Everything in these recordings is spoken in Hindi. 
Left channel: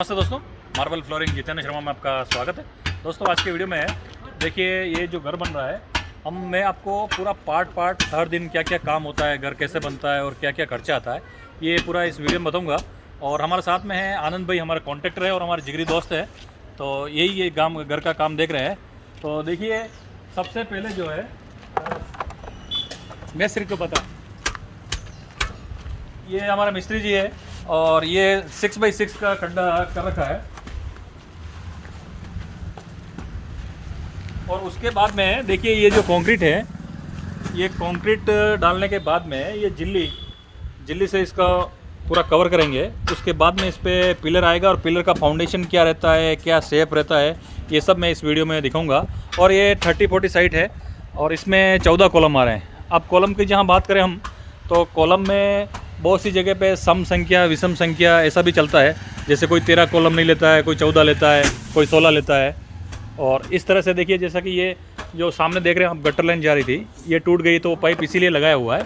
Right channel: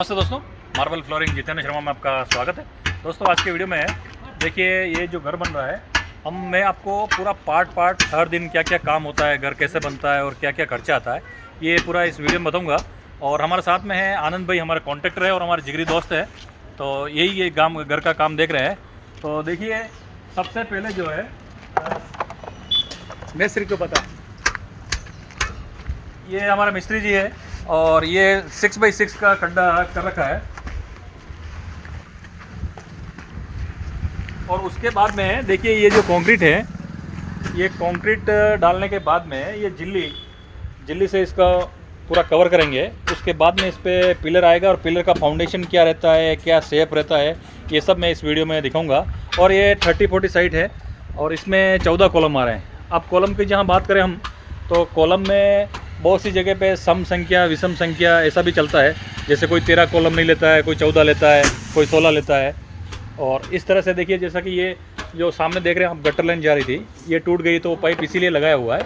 नमस्ते दोस्तों, मार्बल फ्लोरिंग जितेंद्र शर्मा में आपका स्वागत है। दोस्तों आज के वीडियो में देखिए ये जो घर बन रहा है, मैं आपको पूरा पार्ट हर दिन क्या क्या काम होता है, घर कैसे बनता है और क्या क्या खर्चा आता है, ये पूरा इस वीडियो में बताऊंगा। और हमारे साथ में है आनंद भाई, हमारे कॉन्ट्रैक्टर है और हमारे जिगरी दोस्त है। तो यही ये काम घर का काम देख रहे हैं। तो देखिए सबसे पहले जो है मिस्त्री को पता, ये हमारा मिस्त्री जी है और ये 6x6 का खड्डा कर रखा है। और उसके बाद में देखिए ये जो कंक्रीट है, ये कंक्रीट डालने के बाद में ये जिल्ली से इसका पूरा कवर करेंगे। उसके बाद में इस पर पिलर आएगा और पिलर का फाउंडेशन क्या रहता है, क्या शेप रहता है, ये सब मैं इस वीडियो में दिखाऊंगा। और ये 30-40 साइट है और इसमें 14 कॉलम आ रहे हैं। अब कॉलम की जहाँ बात करें हम, तो कॉलम में बहुत सी जगह पे सम संख्या विषम संख्या ऐसा भी चलता है। जैसे कोई 13 कॉलम नहीं लेता है, कोई 14 लेता है, कोई 16 लेता है। और इस तरह से देखिए, जैसा कि ये जो सामने देख रहे हैं आप, गटर लाइन जा रही थी, ये टूट गई तो पाइप इसीलिए लगाया हुआ है।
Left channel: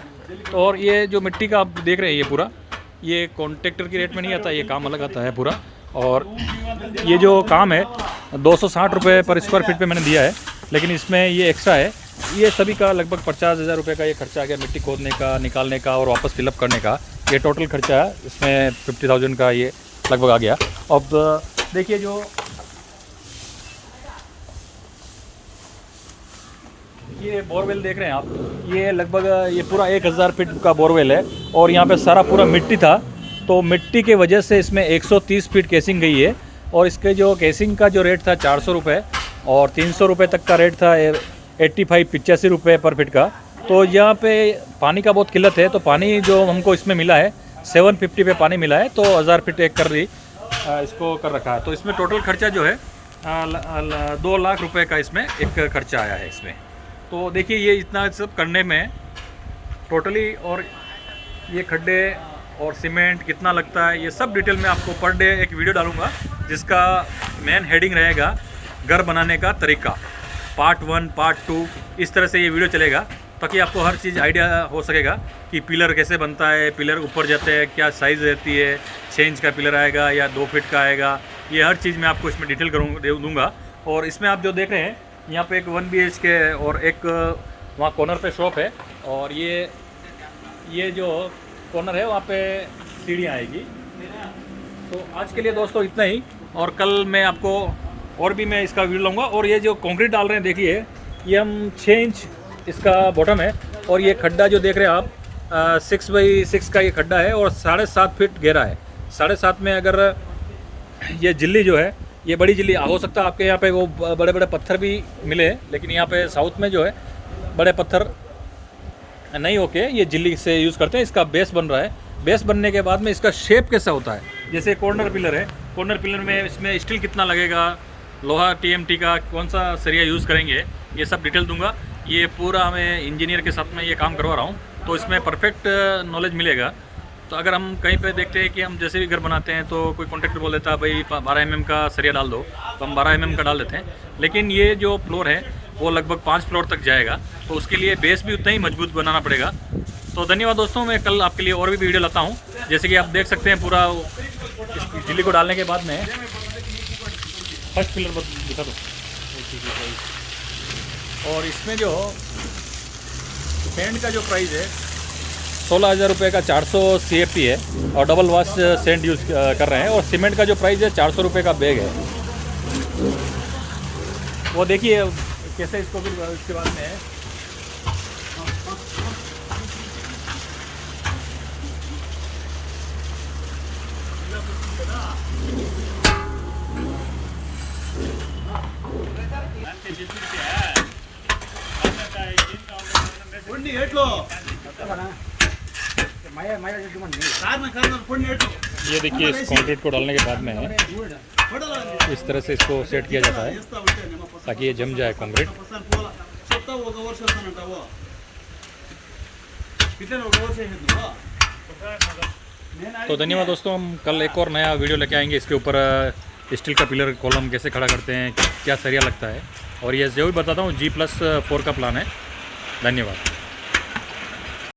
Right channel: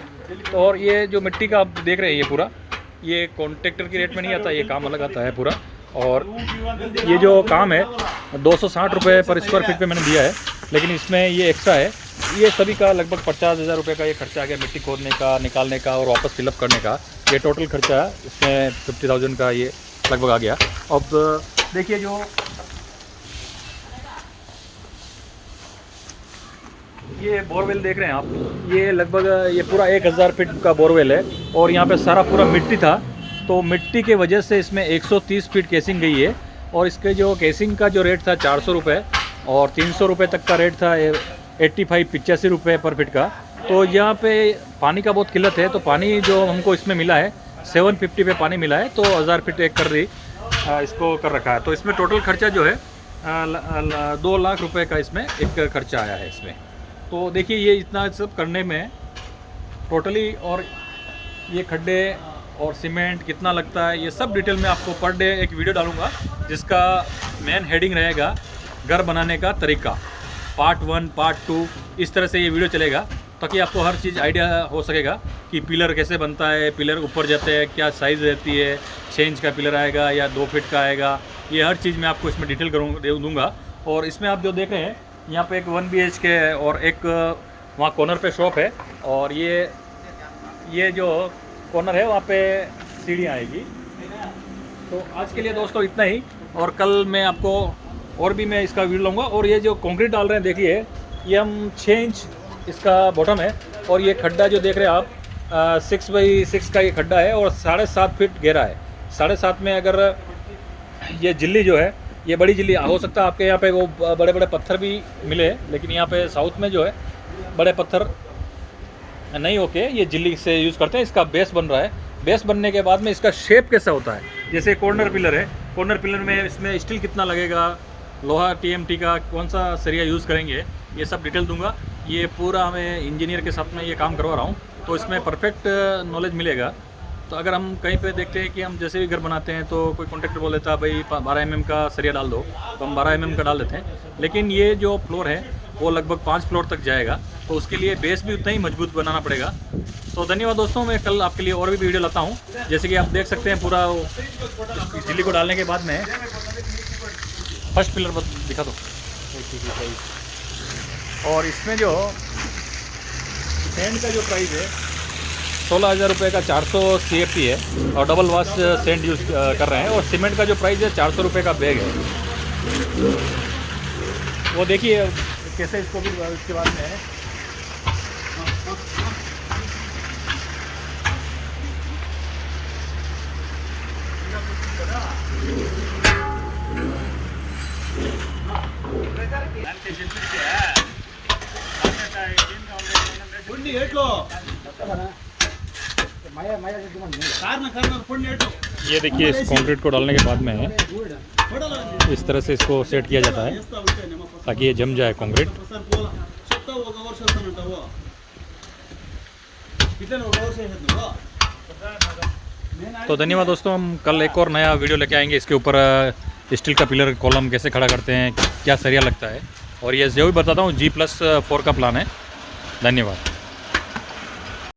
और ये जो मिट्टी का आप देख रहे हैं, ये पूरा ये कॉन्ट्रैक्टर की रेट में नहीं आता, ये काम अलग आता है पूरा। और ये जो काम है 260 रुपये पर स्क्वायर फीट पे मैंने दिया है, लेकिन इसमें ये एक्स्ट्रा है। ये सभी का लगभग 50,000 रुपये का ये खर्चा आ गया, मिट्टी खोदने का, निकालने का और वापस फिलअप करने का। ये टोटल खर्चा इसमें 50,000 का ये लगभग आ गया। अब देखिए जो ये बोरवेल देख रहे हैं आप, ये लगभग ये पूरा 1000 फीट का बोरवेल है। और यहाँ पे सारा पूरा मिट्टी था, तो मिट्टी के वजह से इसमें 130 फीट केसिंग गई है। और इसके जो केसिंग का जो रेट था 400 रुपये और 300 रुपये तक का रेट था 85 रुपये पर फीट का। तो यहाँ पे पानी का बहुत किल्लत है, तो पानी जो हमको इसमें मिला है 750 पे पानी मिला है, तो 1000 फीट एक कर रही इसको कर रखा है। तो इसमें टोटल खर्चा जो है 2 लाख रुपए का इसमें एक खर्चा आया है इसमें। तो देखिए ये इतना सब करने में टोटली, और ये खड्डे और सीमेंट कितना लगता है, ये सब डिटेल में आपको पर डे एक वीडियो डालूंगा, जिसका मेन हेडिंग रहेगा घर बनाने का तरीका, पार्ट 1 पार्ट 2 इस तरह से ये वीडियो चलेगा, ताकि आपको हर चीज़ आइडिया हो सकेगा कि पिलर कैसे बनता है, पिलर ऊपर जाते हैं क्या साइज़ रहती है, 6 इंच का पिलर आएगा या 2 फीट का आएगा, ये हर चीज़ मैं आपको इसमें डिटेल दूंगा। और इसमें आप जो देख रहे हैं, यहाँ पे एक 1 BHK है और एक वहाँ कॉर्नर पे शॉप है। और ये जो कॉर्नर है वहाँ पे सीढ़ियाँ आएगी। तो आज के लिए दोस्तों इतना ही, और कल मैं आपको और भी मैं इसका वीडियो लूँगा। और ये जो कंक्रीट डाल रहे हैं देखिए, ये हम 6 इंच इसका बॉटम है। और ये खड्डा जो देख रहे हैं आप 6x6 का ये खड्डा है और 7.5 फीट गहरा है। 7.5 में अगर ये जिल्ली जो है, ये बड़ी जिल्ली हो सकता है आपके यहाँ पे वो बड़े बड़े पत्थर भी मिले, लेकिन यहाँ पे साउथ में जो है बड़े पत्थर नहीं होके ये जिल्ली से यूज़ करते हैं। इसका बेस बन रहा है। बेस बनने के बाद में इसका शेप कैसे होता है, जैसे कॉर्नर पिलर है, कॉर्नर पिलर में इसमें स्टील कितना लगेगा, लोहा TMT का कौन सा सरिया यूज़ करेंगे, ये सब डिटेल दूंगा। ये पूरा मैं इंजीनियर के साथ में ये काम करवा रहा हूँ, तो इसमें परफेक्ट नॉलेज मिलेगा। तो अगर हम कहीं पे देखते हैं कि हम जैसे भी घर बनाते हैं, तो कोई कॉन्ट्रैक्टर बोल देता है भाई 12 mm का सरिया डाल दो, तो हम 12 mm का डाल देते हैं। लेकिन ये जो फ्लोर है वो लगभग 5 फ्लोर तक जाएगा, तो उसके लिए बेस भी उतना ही मजबूत बनाना पड़ेगा। तो धन्यवाद दोस्तों, मैं कल आपके लिए और भी वीडियो लाता हूँ। जैसे कि आप देख सकते हैं पूरा इस जिल्ली को डालने के बाद में फर्स्ट पिलर दिखा दो। और इसमें जो सेंट का जो प्राइस है 16,000 रुपये का 400 CFT है और डबल वाश सेंट यूज़ कर रहे हैं। और सीमेंट का जो प्राइस है 400 रुपये का बैग है। वो देखिए कैसे इसको भी इसके बाद में है। ये देखिए इस कंक्रीट को डालने के बाद में इस तरह से इसको सेट किया जाता है, ताकि ये जम जाए कंक्रीट। तो धन्यवाद दोस्तों, हम कल एक और नया वीडियो लेके आएंगे। इसके ऊपर स्टील का पिलर कॉलम कैसे खड़ा करते हैं, क्या सरिया लगता है, और ये जो भी बताता हूँ G+4 का प्लान है। धन्यवाद।